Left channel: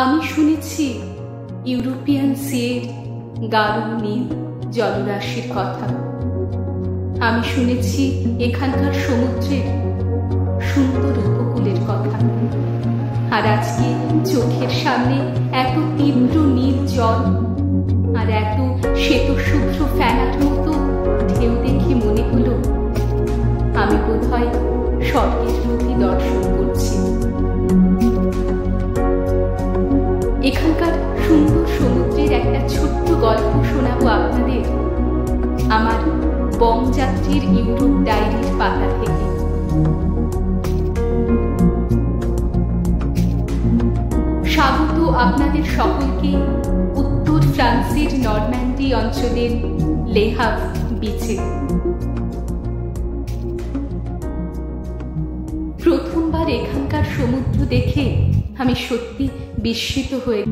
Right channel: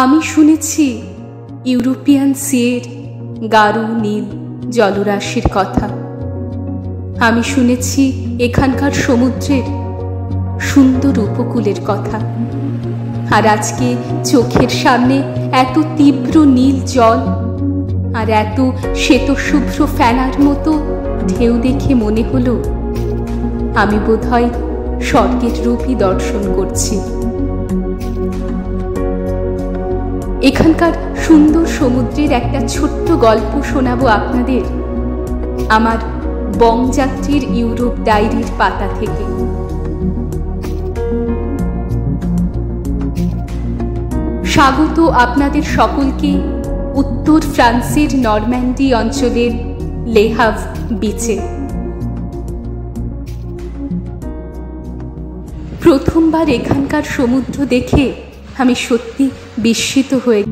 আমি শুনেছি ইউরোপিয়ান সিয়ের গাঢ় নীল জলরাশির কথা। আমি শুনেছি এখানকার সমুদ্রের সুন্দর উপকূলের কথা। আর আজকে চোখের সামনে এত তীব্র নীল জল আর এত শ্বেতশুভ্র ফেনার মতো ঢেউ দেখে মনে হলো আমি বোধহয় স্বর্গের রূপই দর্শন করছি। এখানকার সুন্দর সমুদ্রের একটা ছোট্ট গল্প শোনাবো আপনাদের আমার বংযাত্রীর ইউরোপ ডায়েরির পাতা থেকে। স্বাগত আপনাদের সকলকে উত্তর ফ্রান্সের নরম্যান্ডি অঞ্চলের লে হাভর বিচে। প্রথমবার এখানকার সমুদ্র দেখে আমি সত্যি বিস্মিত হয়ে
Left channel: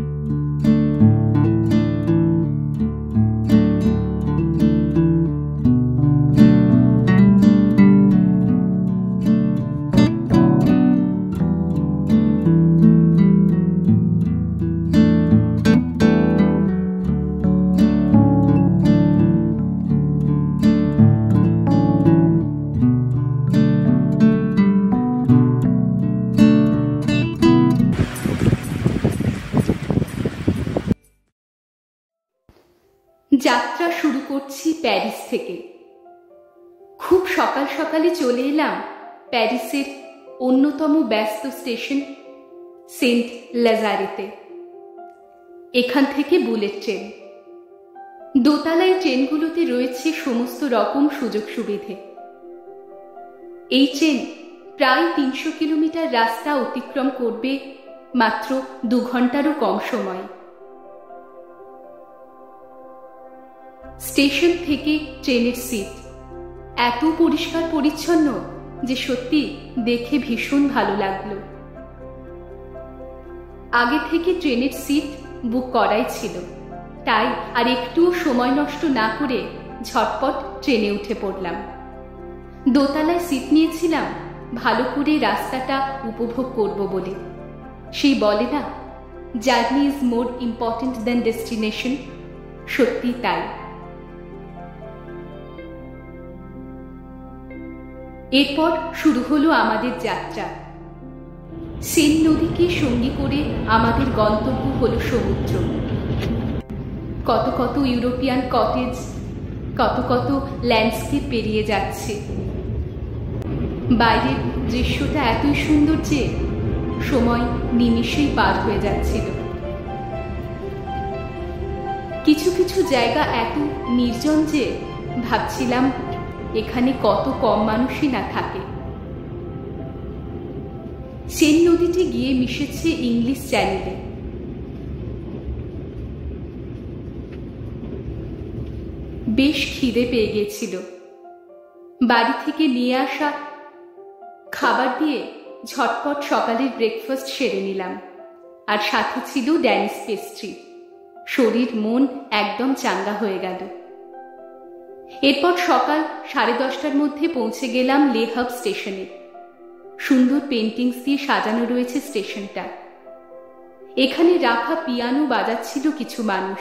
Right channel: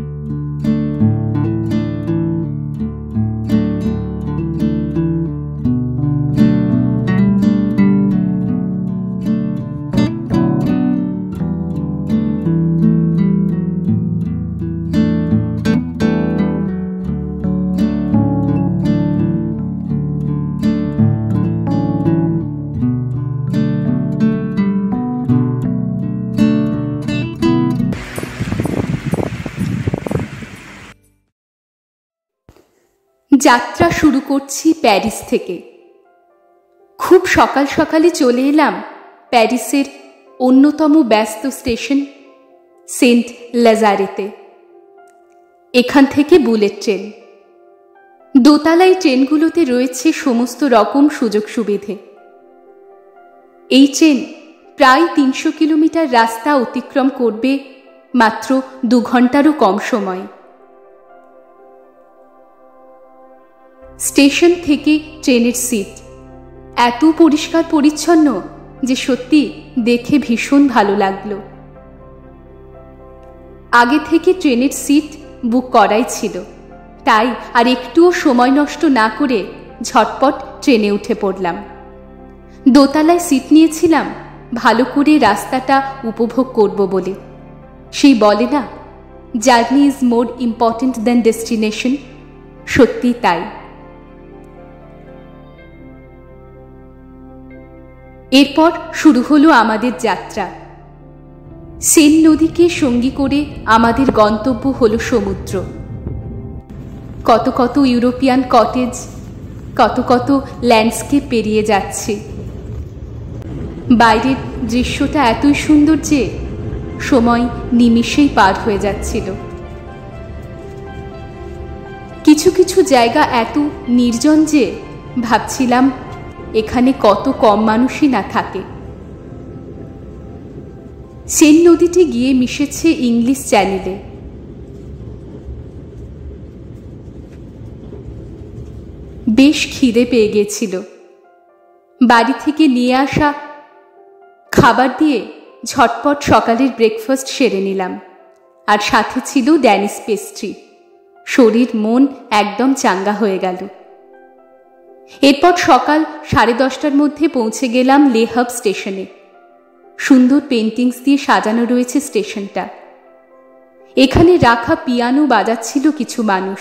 যাত্রা শুরু করছি প্যারিস থেকে। খুব সকাল সকালে চলে এলাম প্যারিসের অন্যতম ব্যস্ত স্টেশন সেন্ট লাজারেতে। এখান থেকে বুলেট ট্রেন। দোতলায় ট্রেনগুলোতে রয়েছে সমস্ত রকম সুযোগ সুবিধে। এই ট্রেন প্রায় ৩০০ কিলোমিটার রাস্তা অতিক্রম করবে মাত্র ২ ঘন্টারও কম সময়। স্টেশন থেকে ট্রেনের সিট এত পরিষ্কার পরিচ্ছন্ন যে সত্যি দেখে ভীষণ ভালো লাগলো। আগে থেকে ট্রেনের সিট বুক করাই ছিল, তাই আর একটুও সময় নষ্ট না করে ঝটপট ট্রেনে উঠে পড়লাম। দোতলায় সিট নিয়েছিলাম ভালো করে রাস্তাটা উপভোগ করব বলে। সেই বলে না, journey is more important than destination. সত্যি তাই। এরপর শুরু হলো আমাদের যাত্রা। সেন নদীকে সঙ্গী করে আমাদের গন্তব্য হলো সমুদ্র। কত কত ইউরোপিয়ান কটেজ, কত কত ল্যান্ডস্কেপ পেরিয়ে যাচ্ছে। বাইরের দৃশ্যটা এতই সুন্দর যে সময় নিমিষেই পার হয়ে যাচ্ছিল। কিছু কিছু জায়গা এত নির্জন যে ভাবছিলাম এখানে কত কম মানুষই না থাকে। সেন নদীটি গিয়ে মিশেছে ইংলিশ চ্যানেলে। বেশ খিদে পেয়ে গেছিল। বাড়ি থেকে নিয়ে আসা খাবার দিয়ে ঝটপট সকালের ব্রেকফাস্ট সেরে নিলাম। আর সাথে ছিল ড্যানিশ পেস্ট্রি। শরীর মন একদম চাঙ্গা হয়ে গেল। এরপর সকাল 10:30টার মধ্যে পৌঁছে গেলাম লে হাভর স্টেশনে। সুন্দর পেন্টিংস দিয়ে সাজানো রয়েছে স্টেশনটা। এখানে রাখা পিয়ানো বাজাচ্ছিল কিছু মানুষ।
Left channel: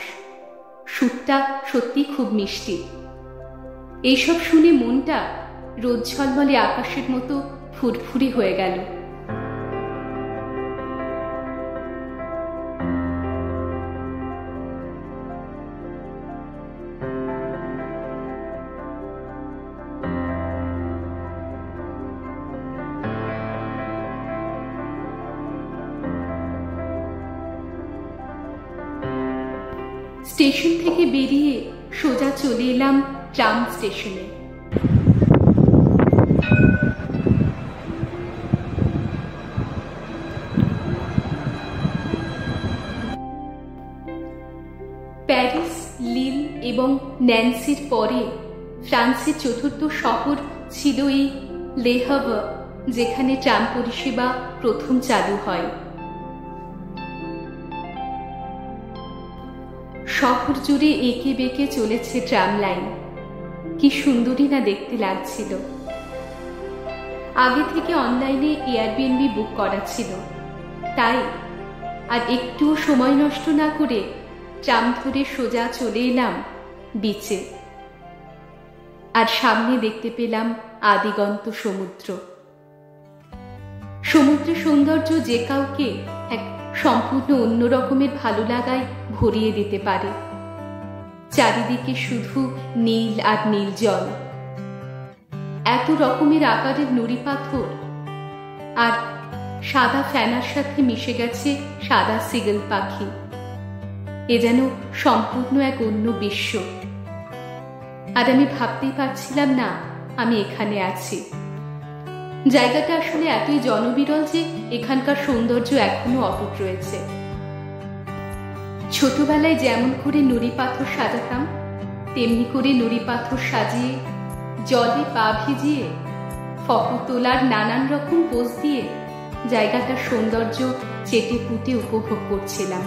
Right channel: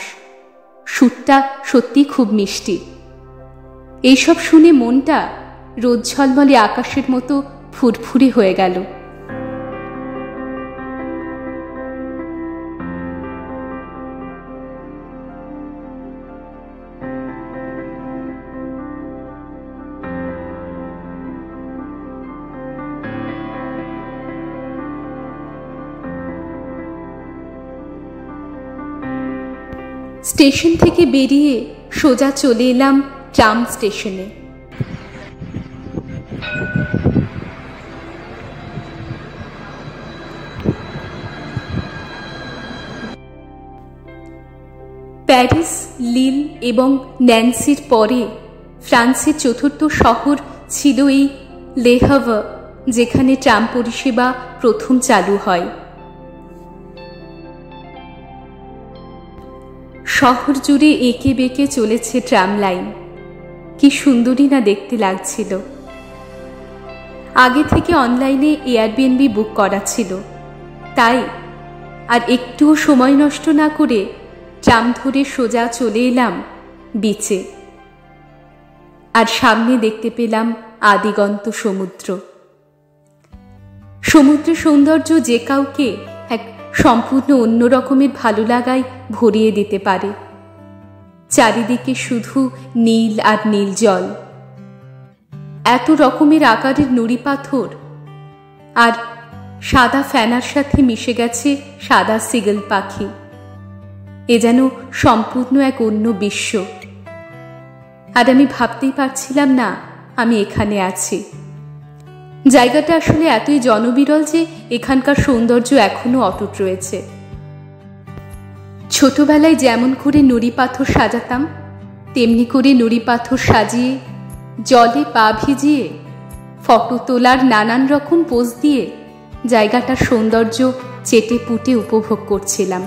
সুরটা সত্যি খুব মিষ্টি। এইসব শুনে মনটা রোদ ঝলমলে আকাশের মতো ফুরফুরে হয়ে গেল। স্টেশন থেকে বেরিয়ে সোজা চলে এলাম ট্রাম স্টেশনে। প্যারিস, লিল এবং ন্যান্সির পরে ফ্রান্সের চতুর্থ শহর ছিল এই লে হাভর, যেখানে ট্রাম পরিষেবা প্রথম চালু হয়। শহর জুড়ে এঁকে বেঁকে চলেছে ট্রাম লাইন। কি সুন্দরই না দেখতে লাগছিল। আগে থেকে অনলাইনে এয়ারবিএনবি বুক করা ছিল, তাই আর একটুও সময় নষ্ট না করে ট্রাম ধরে সোজা চলে এলাম বিচে। আর সামনে দেখতে পেলাম আদিগন্ত সমুদ্র। সমুদ্রের সৌন্দর্য যে কাউকে এক সম্পূর্ণ অন্য রকমের ভালো লাগায় ভরিয়ে দিতে পারে। চারিদিকে শুধু নীল আর নীল জল, এত রকমের আকারের নুড়ি পাথর, আর সাদা ফেনার সাথে মিশে গেছে সাদা সিগল পাখি। এ যেন সম্পূর্ণ এক অন্য বিশ্ব। আর আমি ভাবতেই পারছিলাম না আমি এখানে আছি। জায়গাটা আসলে এতই জনবিরল যে এখানকার সৌন্দর্য এখনো অটুট রয়েছে। ছোটবেলায় যেমন করে নুড়ি পাথর সাজাতাম, তেমনি করে নুড়ি পাথর সাজিয়ে জলে পা ভিজিয়ে ফটো তোলার নানান রকম পোজ দিয়ে জায়গাটার সৌন্দর্য চেটে পুটে উপভোগ করছিলাম।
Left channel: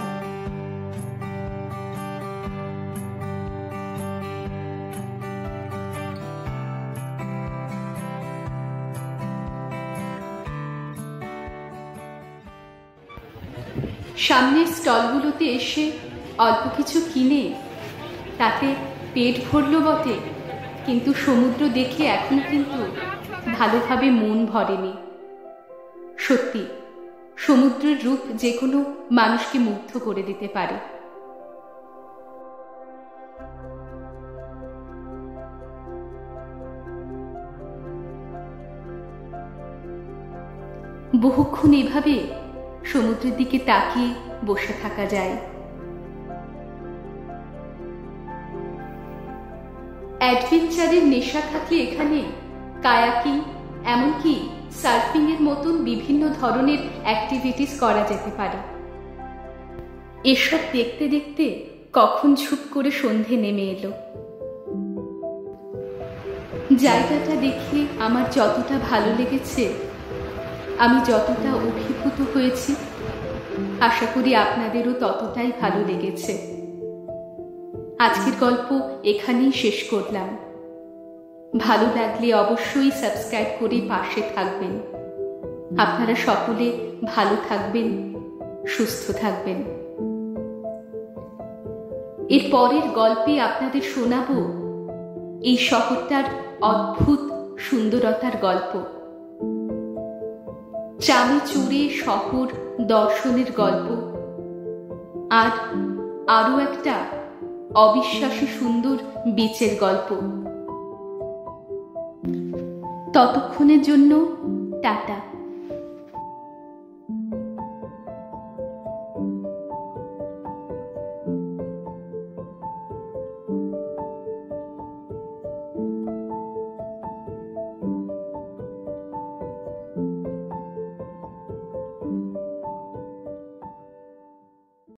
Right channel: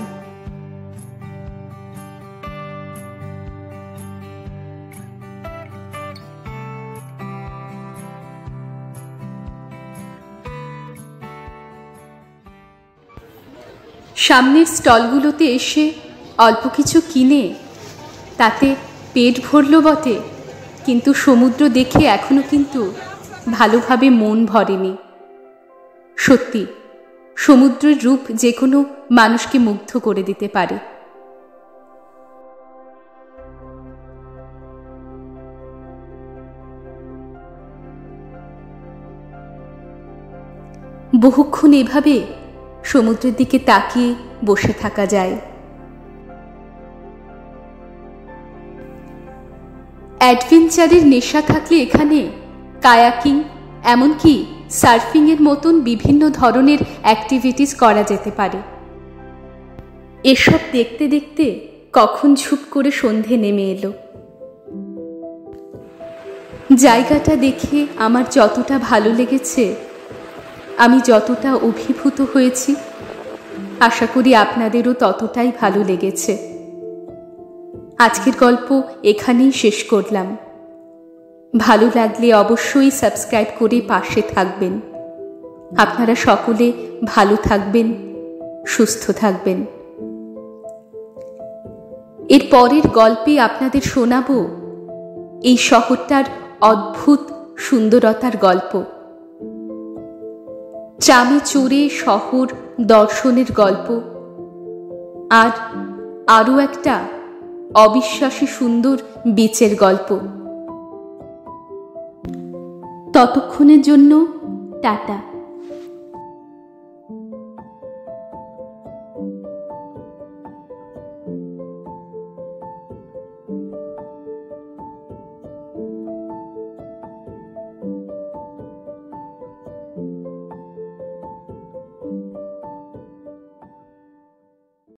সামনের স্টলগুলোতে এসে অল্প কিছু কিনে তাতে পেট ভরল বটে, কিন্তু সমুদ্র দেখে এখনো কিন্তু ভালোভাবে মন ভরেনি। সত্যি সমুদ্রের রূপ যে কোনো মানুষকে মুগ্ধ করে দিতে পারে। বহুক্ষণ এভাবে সমুদ্রের দিকে তাকিয়ে বসে থাকা যায়। অ্যাডভেঞ্চারের নেশা থাকলে এখানে কায়াকিং, এমনকি সার্ফিং এর মতন বিভিন্ন ধরনের অ্যাক্টিভিটিস করা যেতে পারে। এসব দেখতে দেখতে কখন ঝুপ করে সন্ধে নেমে এলো। জায়গাটা দেখে আমার যতটা ভালো লেগেছে, আমি যতটা অভিভূত হয়েছি, আশা করি আপনাদেরও ততটাই ভালো লেগেছে। আজকের গল্প এখানেই শেষ করলাম। ভালো লাগলে অবশ্যই সাবস্ক্রাইব করে পাশে থাকবেন। আপনারা সকলে ভালো থাকবেন, সুস্থ থাকবেন। এর পরের গল্পে আপনাদের শোনাবো এই শহরটার অদ্ভুত সুন্দরতার গল্প। ট্রামে চড়ে শহর দর্শনের গল্প, আর আরও একটা অবিশ্বাস্য সুন্দর বিচের গল্প। ততক্ষণের জন্য টাটা।